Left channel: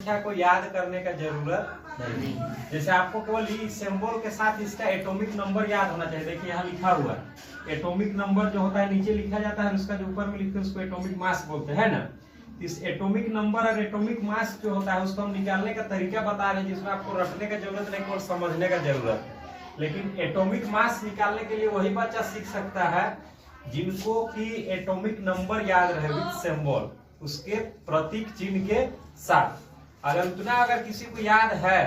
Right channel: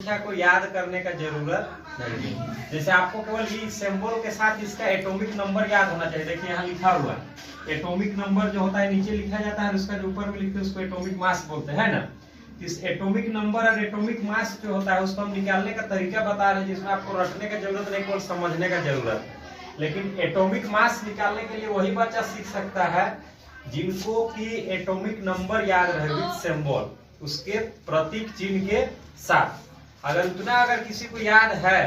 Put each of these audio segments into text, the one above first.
संख्या को याद करने का जरूरत नहीं। जैसे आपको केवल ये सिंबल के साथ इसका एटॉमिक नंबर याद होना चाहिए। देखिए यहाँ लिखा हुआ है एटॉमिक नंबर जो होता है नीचे लिखा जाता है, उसका जो ऊपर में लिखते हैं उसको एटॉमिक मास बोलते हैं ना। इस एटॉमिक नंबर और एटॉमिक मास जो होता है उसको हम निकालने का तरीका बता रहे हैं, जिसमें आपको रटने का जरूरत नहीं, केवल समझने का जरूरत है। लेकिन एटॉमिक मास निकालने के लिए वही बच्चा सीख सकता है जिनको की एटॉमिक नंबर याद रहे विद सिंबल, उसके प्रतीक चिन्ह के साथ। अगर किसी को याद है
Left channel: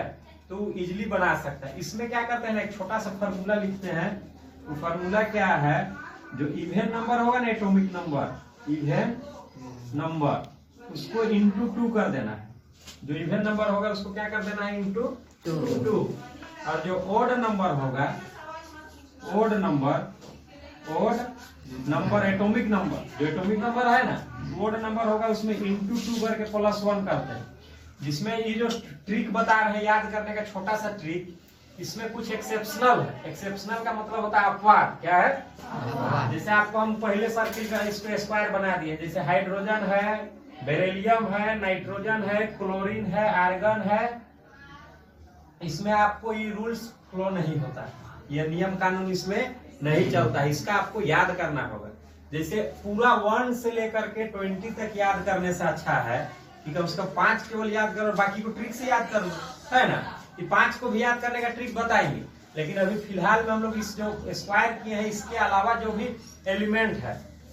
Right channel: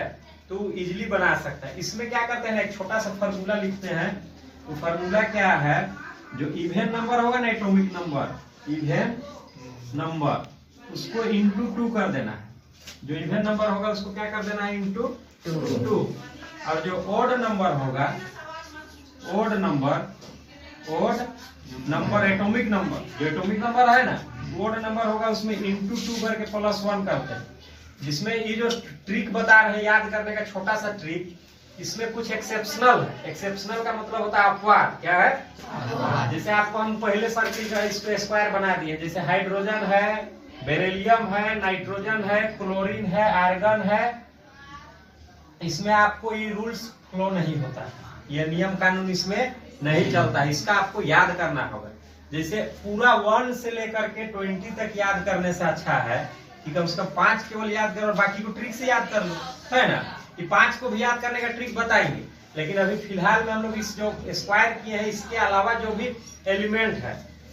तो इजीली बना सकता है। इसमें क्या करते हैं, एक छोटा सा फार्मूला लिखते हैं। वो फार्मूला क्या है, जो इवेन नंबर होगा ना, एटॉमिक नंबर, इवेन नंबर उसको इंटू 2 कर देना है। जो इवेन नंबर होगा उसको क्या कर देना है, इंटू 2। और जो ऑड नंबर होगा, ऑड नंबर एटॉमिक नंबर, जो एटॉमिक नंबर है ना, ऑड नंबर होगा उसमें इंटू 2 करके +1 करते हैं। जिसमें ये जो ट्रिक बता रहे हैं याद करने का, छोटा सा ट्रिक, इसमें कुछ एक्सेप्शनल है। एक्सेप्शनल का मतलब होता है अपवाद। क्या है, जैसे आपको हम पहले सर्किल का इस पे स्क्वायर बना दिए। जैसे हाइड्रोजन है, बेरिलियम है, नाइट्रोजन है, क्लोरीन है, आर्गन है, इसमें आपको ये रूल्स फ्लो नहीं होता, ये नियम कानून इसमें नहीं चलता। इसका आपको याद करना होगा। जैसे पूरा 1 से लेकर के 20 तक याद करने से अच्छा है कि कम से कम 5 केवल याद करो और बाकी को ट्रिक से याद कर लो, है ना। कि 5 को भी याद करने का ट्रिक बताएंगे, लेकिन अभी फिलहाल में हम लोग इस जो स्क्वायर किए हैं इसके अलावा जो भी एलिमेंट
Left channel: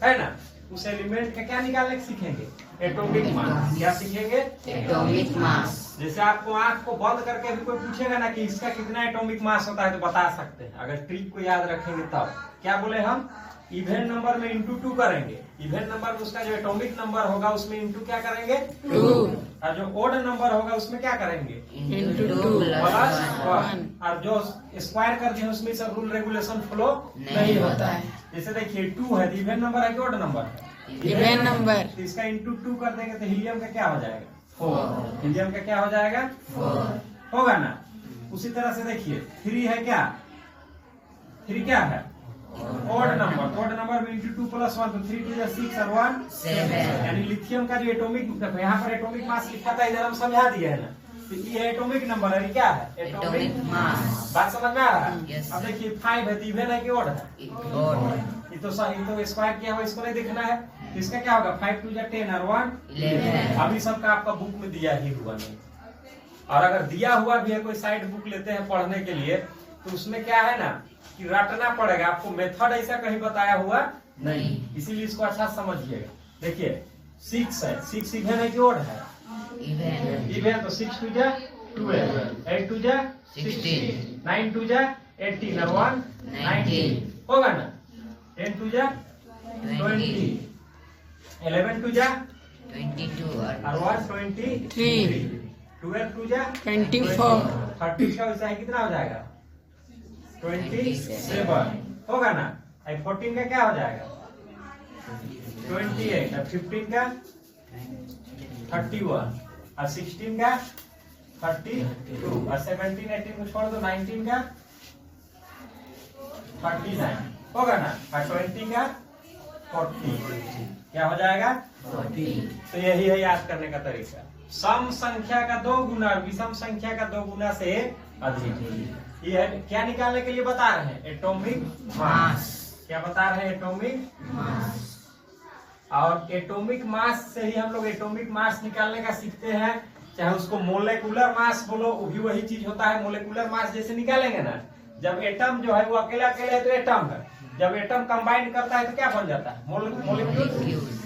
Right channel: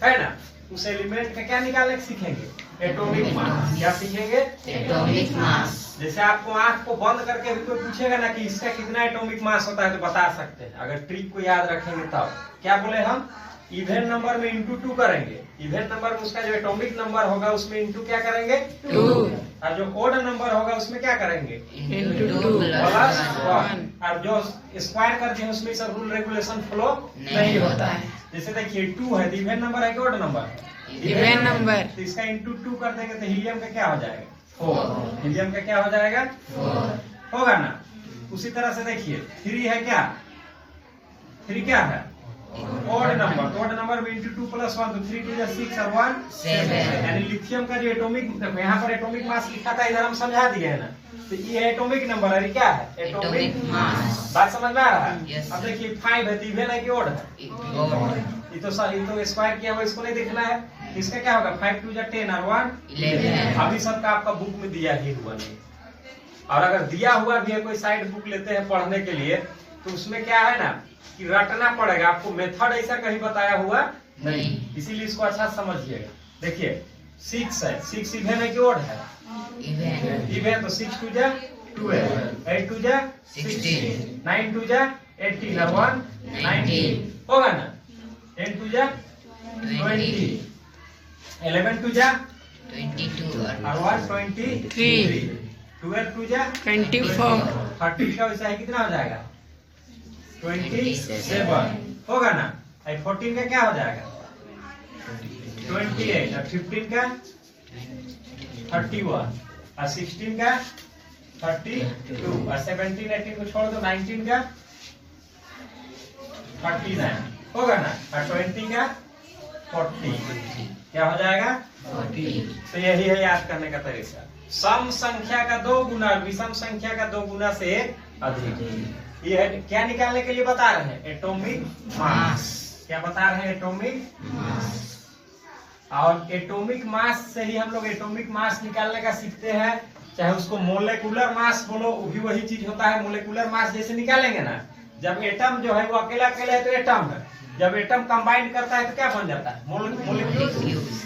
है ना, उस एलिमेंट का क्या निकालने सीखेंगे, एटॉमिक मास। क्या सीखेंगे, एटॉमिक मास। जैसे आपको आंख को बंद करके भी कोई पूछेगा ना कि इसका कितना एटॉमिक मास होता है तो बता सकते हैं, अगर ट्रिक को याद रखेंगे तब। क्या बोले हम, इवेन नंबर में इंटू 2 करेंगे। इवेन नंबर में उसका जो एटॉमिक नंबर होगा उसमें इंटू क्या करेंगे, 2। और जो ओड नंबर होगा उसमें क्या करेंगे, इंटू 2 +1। और जो स्क्वायर करते हैं उसमें सब रूल रेगुलेशन फ्लो नहीं होता है। जैसे देखिए 2 है, इवेन नंबर है कि ओड नंबर है, इवेन नंबर, तो इसका इंटू 2 कर देंगे तो हीलियम का क्या हो जाएगा, 4। हीलियम का क्या हो जाएगा, 4 होगा ना। उसी तरह से देखिए 3 है, क्या 3 क्या है, ऑड नंबर में इंटू 2 +1, तो 3 2 6 और 1 7। यानी लिथियम का जो एटॉमिक, देखो यहाँ पर एटॉमिक मास लिखा था, इधर हम समझा दिए है ना, तो ये एटॉमिक नंबर है, क्या है, एटॉमिक मास। बात समझ में आ रहा है। अब देखिए 5 है, इवेन है कि ऑड है, ये तो स्क्वायर किया हुआ, इसको नहीं देखना है। तो इसका क्या होगा, 5 2 10 और 1 11। अभी सबका आपका बुक में दिया ही हुआ नहीं, और अगर दिया हुआ भी है, कोई साइड बुक लेते हैं पढ़ने के लिए, तो उसमें क्या है ना कि रटना पड़ेगा आपको, मेथड ऐसा कहीं बताया हुआ नहीं, इसीलिए इसको अच्छा समझिएगा। देखिए 6 है, 6 इवेन है कि ऑड है, इवेन, तो 6 2 12, 8 2 16, 9 2 18 और 1 19 होगा ना, 10 2 20, 11 2 22 और 1 23, 12 2 24, 30 का वैसा है, कितना हो जाएगा, 27 होगा ना। 14 का क्या हो जाएगा, 28, और 15 का 31, और 16 का 32, और 17 18 को छोड़ दो, 19 का 39 होगा ना, और 20 का 40 क्या हो जाएगा, 40। तो यही है याद करने का तरीका, सम संख्या का 2 गुना विषम संख्या का 2 गुना से अधिक। ये क्या निकालने के लिए बता रहे हैं, एटॉमिक मास। क्या बता रहे हैं, एटॉमिक मास। और एटॉमिक मास से ही हम लोग एटॉमिक मास निकालने का सीखते हैं। चाहे उसको मोलेकुलर मास बोलो, वो भी वही चीज होता है। मोलेकुलर मास जैसे निकालेंगे ना, जब एटम जो है वो अकेला अकेला है तो एटम है, जब एटम कंबाइन करता है तो क्या बन जाता है, मोलिक्यूल।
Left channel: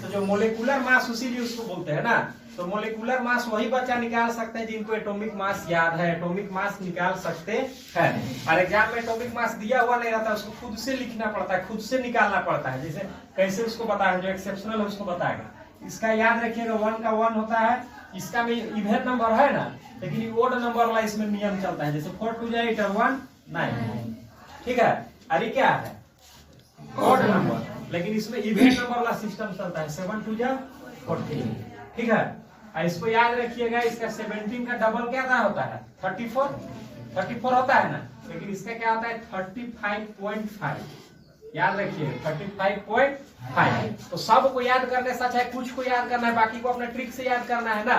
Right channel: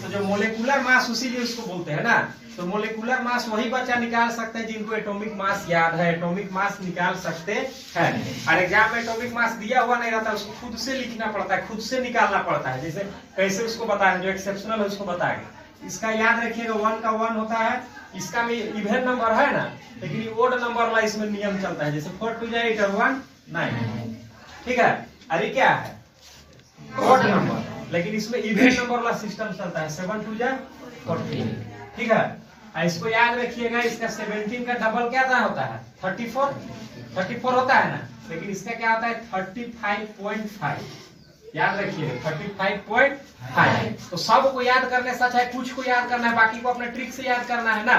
तो जो मोलेकुलर मास उसी लिए उसको बोलते हैं ना। तो मोलेकुलर मास वही बच्चा निकाल सकते हैं जिनको एटॉमिक मास याद है, एटॉमिक मास निकाल सकते हैं। और एग्जाम में एटॉमिक मास दिया हुआ नहीं रहता, उसको खुद से लिखना पड़ता है, खुद से निकालना पड़ता है। जैसे कैसे उसको बताएं, जो एक्सेप्शनल है उसको बताएंगे। इसका याद रखिएगा, 1 का 1 होता है, इसका में इवेन नंबर है ना, लेकिन ये ओड नंबर वाला इसमें नियम चलता है। जैसे 4 2 8 और 1 9, ठीक है। अरे क्या है, ऑड नंबर, लेकिन इसमें इवेन नंबर वाला सिस्टम चलता है। 7 2 14, ठीक है। इसको याद रखिएगा, इसका 17 का डबल क्या होता है, 34 होता है ना, लेकिन इसका क्या होता है 35.5। याद रखिएगा 35.5। तो सब को याद करने से अच्छा है कुछ को याद करना है, बाकी को अपने ट्रिक से याद करना है ना।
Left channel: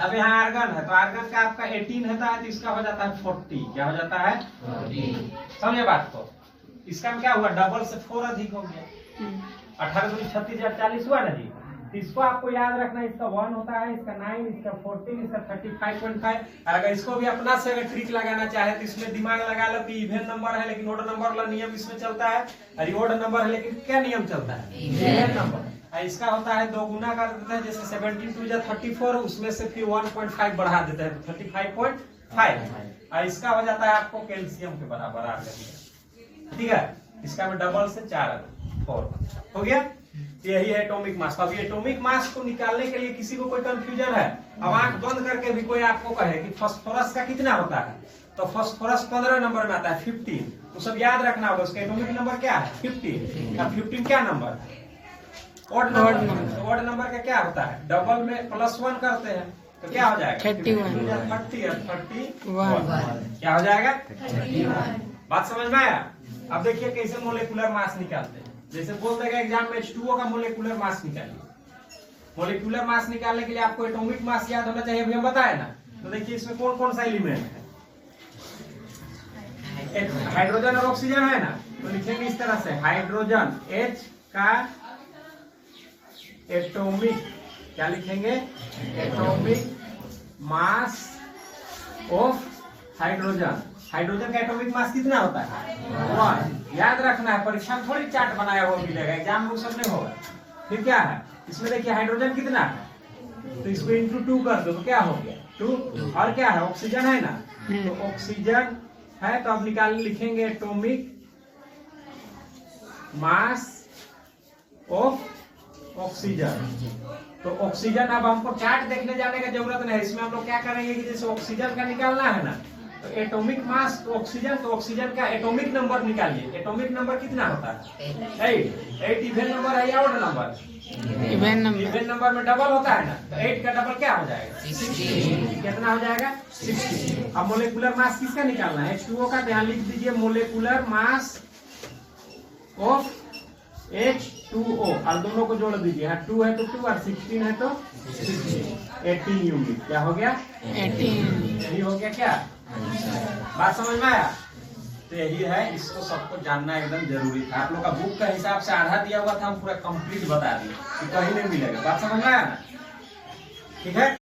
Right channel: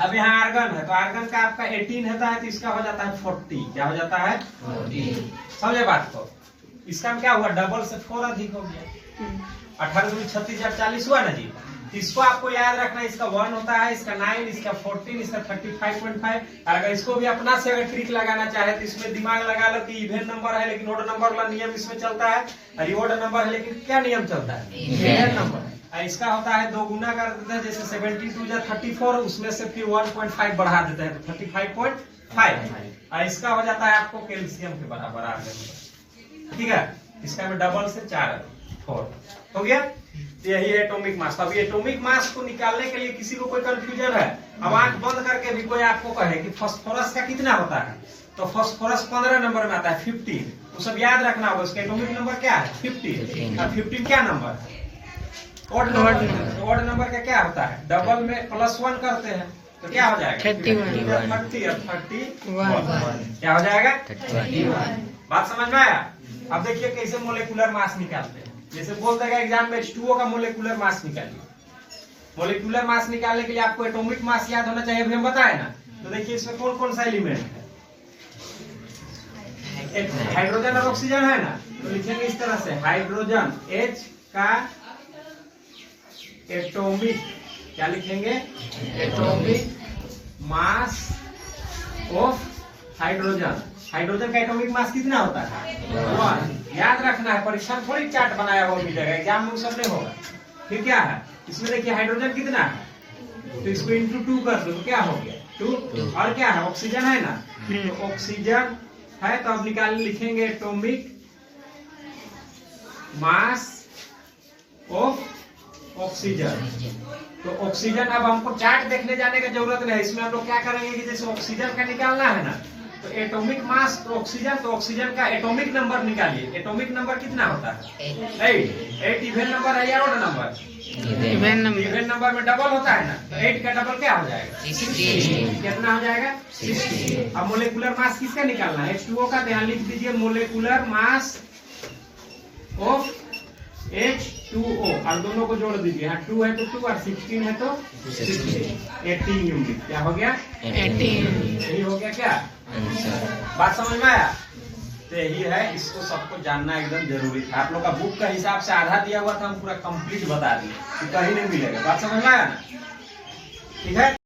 अब यहाँ आर्गन है, तो आर्गन का आपका 18 होता है, तो इसका हो जाता है 40। क्या हो जाता है? 40। समझे बात को? इसका में क्या हुआ, डबल से 4 अधिक हो गया। 18 दूनी 36 जब 40 हुआ ना जी। तो इसको आपको याद रखना, इसका 1 होता है, इसका 9, इसका 14, इसका 35.5। अगर इसको भी अपना से अगर ट्रिक लगाना चाहे तो इसमें दिमाग लगा लो कि इवन नंबर है लेकिन ओड नंबर वाला नियम इसमें चलता है, और ओड नंबर है लेकिन क्या नियम चलता है? Even number. इसका होता है 2 गुना कर देते हैं, जैसे 17 2 जा 34, उसमें से फिर 1.5 बढ़ा देते हैं तो 35.5। और इसका हो जाता है आपको कैल्शियम के बराबर आ गया। ठीक है, इसका में डबल से 4 हो गया। तो यही है एटॉमिक मास। अब ये एटॉमिक मास को निकालने के लिए किसी को कोई कंफ्यूजन है, अब आंख बंद करके भी कोई आपको कहे कि फास्फोरस का कितना होता है, तो फास्फोरस 15 नंबर में आता है, 15। तो सब याद रखना होगा, उसका एटॉमिक नंबर क्या है? 15। और 15 क्या नंबर है? Odd number. ऑड नंबर का क्या होता है? डबल में +1 करते हैं तो क्या हो जाएगा? 31। 30 और 31 क्या हो जाएगा? 31। बात समझ में आया? अब देखिए कैसे मोलेकुलर मास निकालते हैं। जैसे बोलते हैं एग्जाम में H2O का मोलेकुलर मास निकालिए। मोलेकुलर मास निकालने के लिए आपको एटॉमिक मास याद होना चाहिए, अभी हम बताए ना। तो देखिए इसमें कौन कौन सा एलिमेंट है, हाइड्रोजन और ऑक्सीजन है ना। तो लिखेंगे इस तरह से, हाइड्रोजन H का एटॉमिक, क्या लिखेंगे? Atomic mass of hydrogen. Hydrogen का एटॉमिक मास कितना होता है? 1। याद रखना है, परीक्षा में थोड़ी चार्ट बनाया हुआ मिलेगा, एग्जाम में वो सब नहीं होगा। फिर क्या है इसमें, देखिए हाइड्रोजन कितना है, तो इसको इंटू 2 कर दो तो क्या हो गया? 2। और क्या है? ऑक्सीजन है ना, तो ऑक्सीजन है, तो अब निकाल लिखेंगे एटॉमिक मास ऑफ ऑक्सीजन। तो ऑक्सीजन, अब हमको चार्ट देखने जाने की जरूरत नहीं है, इसमें हम लोग क्या करेंगे कि जैसे ऑक्सीजन का निकालना है ना, तो एटॉमिक मास ऑक्सीजन, तो ऑक्सीजन का एटॉमिक नंबर निकालिए। एटॉमिक नंबर कितना होता है? 8 इवन नंबर है या odd number? Even number. Even number में डबल होता है ना, तो 8 का डबल क्या हो जाएगा? 60। कितना हो जाएगा? 60। अब मोलेकुलर मास किसका निकालना है? H2O का। ध्यान लिख दीजिए, मोलेकुलर मास ऑफ H2O, और दोनों को जोड़ दीजिए। यहाँ 2 है तो 2 और 16 है तो 18 यूनिट। क्या हो गया? 18। यही हो गया क्या? बात समझ में आया? तो यही है, इसको सबको जानना एकदम जरूरी था। आप लोग का बुक का हिसाब से आधा दिया हुआ था, हम पूरा कंप्लीट बता दिए, कहीं नहीं मिलेगा। बात समझ में आया ना? ठीक है।